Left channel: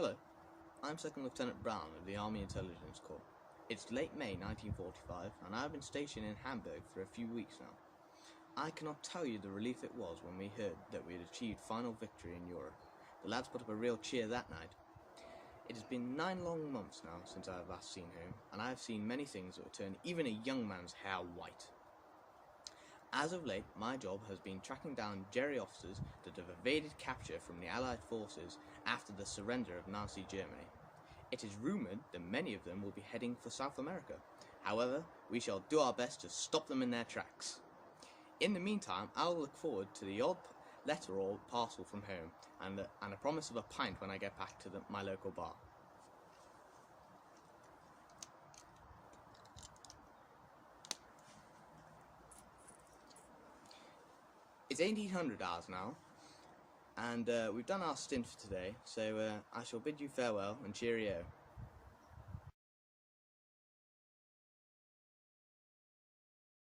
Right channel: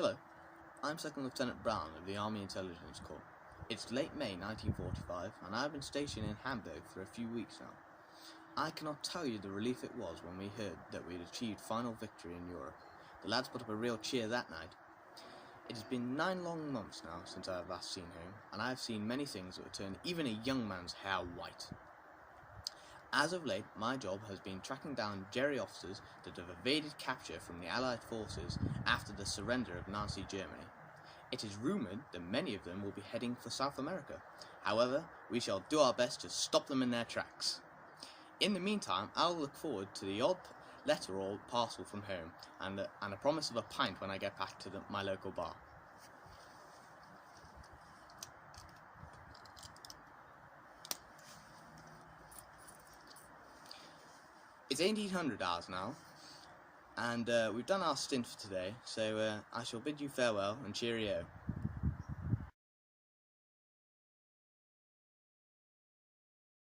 Hello, I'm Second Lieutenant Brown of the Army Intelligence Corps. It's late May 1945 and I've been stationed in Hamburg for a few weeks now. I cannot tell you the relief it was when we heard that we had achieved final victory in Europe. The lads put up a real cheer that night. It has been 9 long months now since I have last seen home, and I have seen many things that would turn even a young man's hair white. As of late, my job has been tracking down Jerry officers that have evaded capture from the Allied forces after the surrender of Nazi Germany. It is rumoured that many of them will be heading for South America. However, we shall do our best to stop them in their tracks. In the meantime, I will look forward to the odd letter or parcel from home, and a promise of a pint when I get back to my local bar. It's 1800 hours now, and we've done our stint for today, so I shall bid you farewell and cheerio.